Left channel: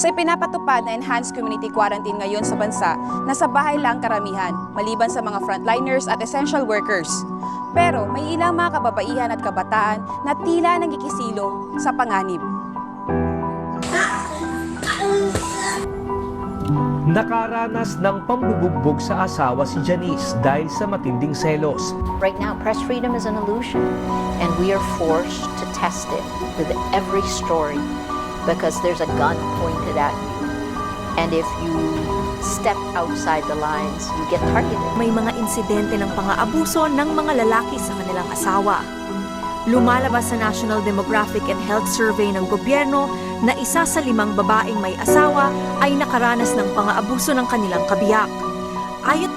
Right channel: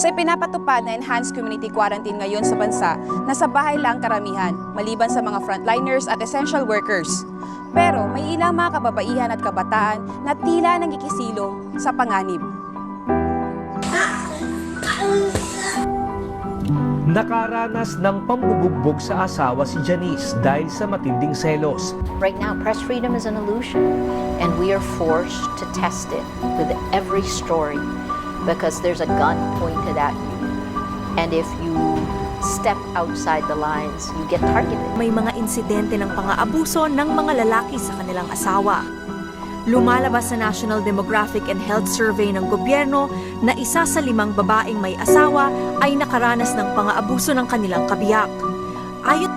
Sa ipinapatupad na enhanced community quarantine ngayon sa bansa, nasa bahay lang karamihan, maliban sa mga frontliners at essential workers. Pero may ilang mga kababaihan at kabataan na tila nangkikisilong sa panganib. Nakaranas ng pambubugbog sa asawa si Janice dahil sa matinding selos. Right now, press freedom is an illusion, and we are forced to test it with every story because there's a gun pointed at you. And if you step outside the lines, you get targeted. May mga insidente ng pang-aabuso ng mga lalaki sa kanilang asawa. Lumalabas sa National Demographic and Health Survey ng gobyerno na 1 sa 5 babaeng may asawa ay nakaranas ng pang-aabuso ng kanilang kabiyak. Ayon